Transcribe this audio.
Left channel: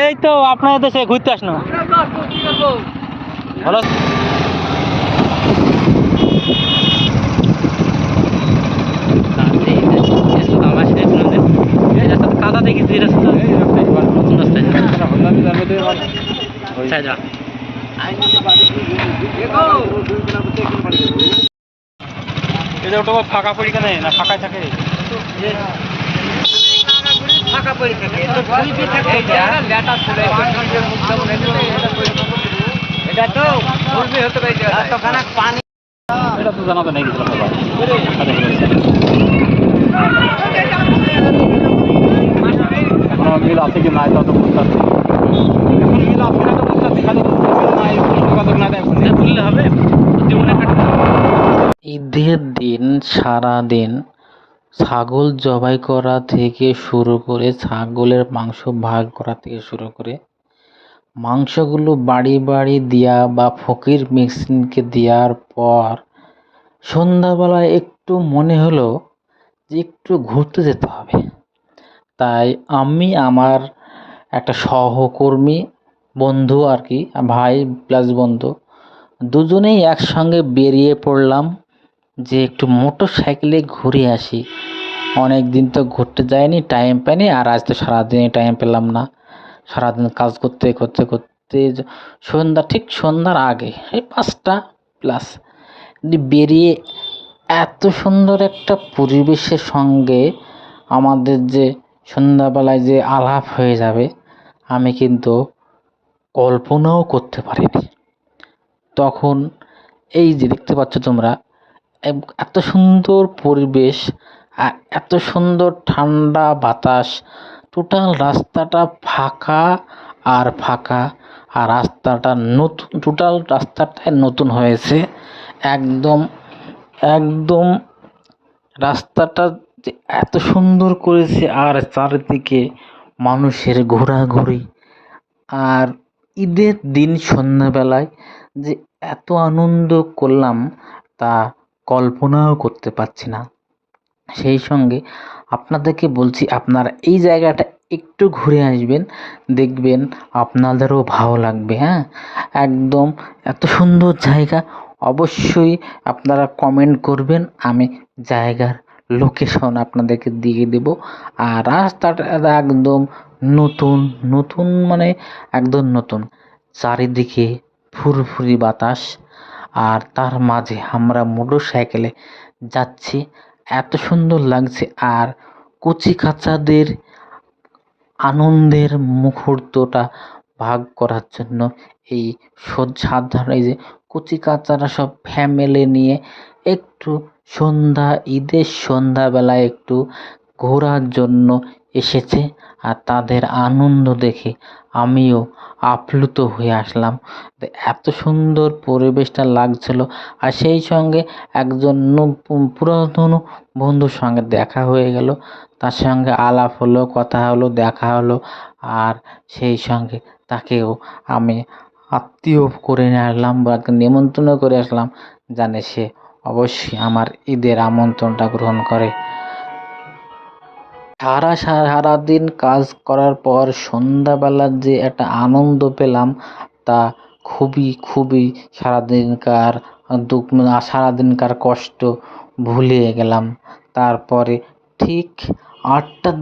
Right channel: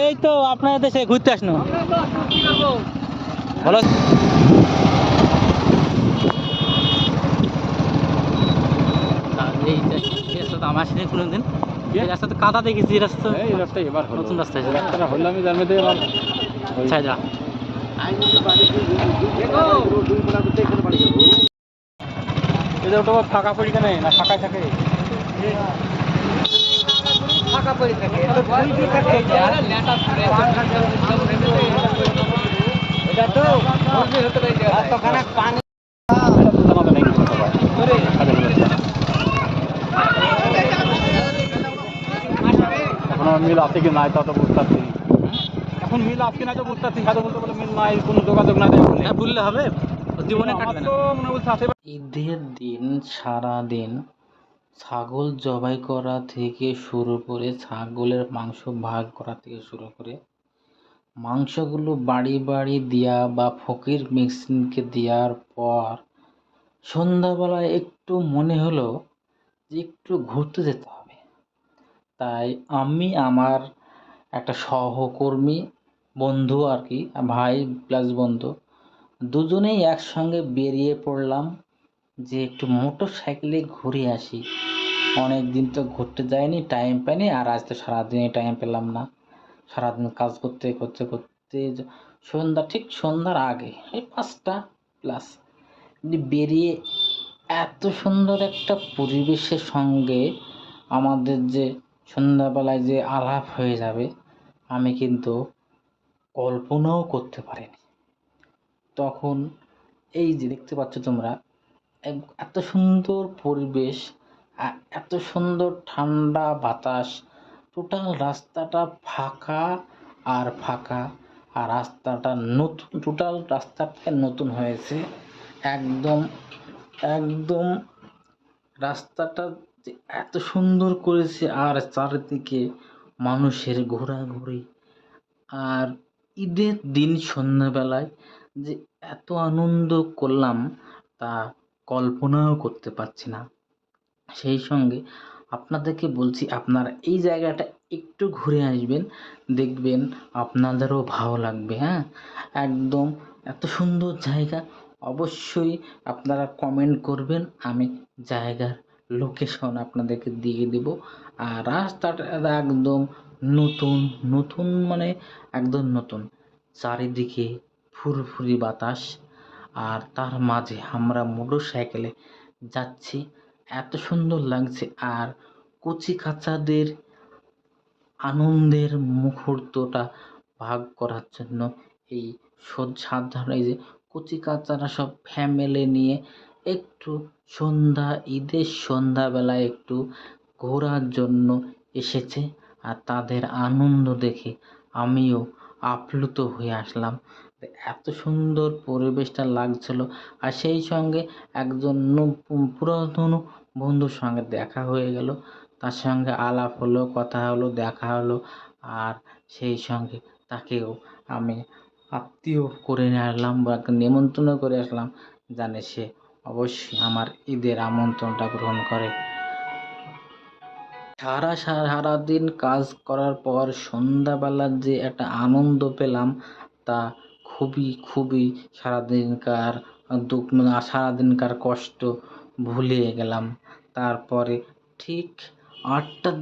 এই তো আপনাদের দেশে ঘুরতে আসনো ভালো। কাদা দেখেছি রাস্তা, নতুন রাস্তায় ফাঁকা পড়ি কেন না ফাঁকায় থাকে, ফাঁকা পড়ে থাকে এটা তো হতে পারে পানি, এটা তো জানা তো নেই কিছু সবাই কোনো মিল আছে কি নাই তা তো বুঝতে পারছি। এখন মিল আছে না তো বুঝতে পারছি, খালি মিল নাই, কোনো যোগাযোগ না দেয় বললে হবে জীবনে কাটে। ঈদের দিন সারা দিন ছাগল জবাই করা থেকে শুরু করে, ছাগলের মাংস ভাগ করা থেকে শুরু করে, মাংসগুলো বাড়ি বাড়ি দেওয়া বা ফকির মেশিনকে দেওয়ার পর সন্ধ্যাবেলায় একটু মনে হলো যে একটু ঘুরতে যেতে হবে। তাই আমি আমার একটা সহকর্মী বন্ধু আর কি, ভাই প্লাস বন্ধু, দুজনেই একসঙ্গে বেরিয়ে পড়লাম যে একটু মোটর সাইকেলে ঘুরে আসি। অনেক দিন তো ঘুরতে যাইনি, টাইম পাইনি, আর আজ তো সারাদিনই টাইম পেলাম না। সারাদিন কাজ করতে করতে করতে ঠিক সন্ধ্যার আগে এই 5টা প্লাস বেরিয়ে এত সুন্দর একটা পরিবেশের সঙ্গে আমাদের যে সন্ধ্যাবেলায় যে আলাপ হয়ে যাবে আমি কিন্তু কল্পনাও করতে পারিনি। তখন এই যে দেখতে পাচ্ছ তোমরা, এত সুন্দর পরিবেশ আর এত সুন্দর ঠান্ডা বাতাস, টোটাল রাস্তাটা ফাঁকা আর ফাঁকা, আর রাস্তাটা নতুন, টোটাল রাস্তাটাই নতুন হয়েছে একদম একদম। রাস্তাটা যে এত সুন্দর করেছে, আর চারিদিকে মানুষের ঘোরাঘুরি, আর ঈদের দিন সন্ধ্যাবেলায় যে এত আনন্দ করলাম তা কল্পনাও করতে পারছি না। সেই সঙ্গে আপনাদেরকে বলছি, আপনারা এই জায়গাটা একটু ঘুরে আসবেন, দেখবেন আপনাদেরও ভালো লাগবে। হ্যাঁ, একদম এত সুন্দর জায়গা। অবশ্যই আপনারা কমেন্ট করবেন, আমি জায়গার লোকেশন আপনাদেরকে দিয়ে দেব। আর রাস্তাটা একদম নতুন নতুন, মানে একদম নতুন, চারিদিকে ফুরফুরি বাতাস, আর তার মাঝে আমরা মোটর সাইকেলে যাচ্ছি, এত সুন্দর লাগছে। আর কচি কাঁচাদের আনন্দের মুহূর্তটা ভাগ করার জন্য এই সাধারণ এই যে কচি কাচারা সব ফ্যামিলি নিয়ে একটু ঈদের সন্ধ্যাবেলায় একটু ঘোরার জন্য এসেছে, আর তাদের আনন্দ দেখে আমিও আপ্লুত হয়ে আসলাম। এত সুন্দর পরিবেশটা লাগছিল। আর সেই সঙ্গে একজন পুরাতন বন্ধুর সঙ্গে দেখা হয়ে গেল, তার সঙ্গে আলাপ হলো, কথা হলো, দেখা হলো, আর সেই সঙ্গে তাকেও আমি আত্মীয় করে নিয়ে আসলাম বা নিমন্ত্রণ করে আসলাম, জানে সে অবশ্যই আমার ঈদের আমন্ত্রণটা গ্রহণ করে। সারাদিন কাজ করার পর সন্ধ্যাবেলার যে একটা আনন্দ পেলাম তা খুবই খুবই সারাদিনকার দুঃখ, সারাদিনকার কষ্ট ভুলে গেলাম। তারপরে ঠিক 8টার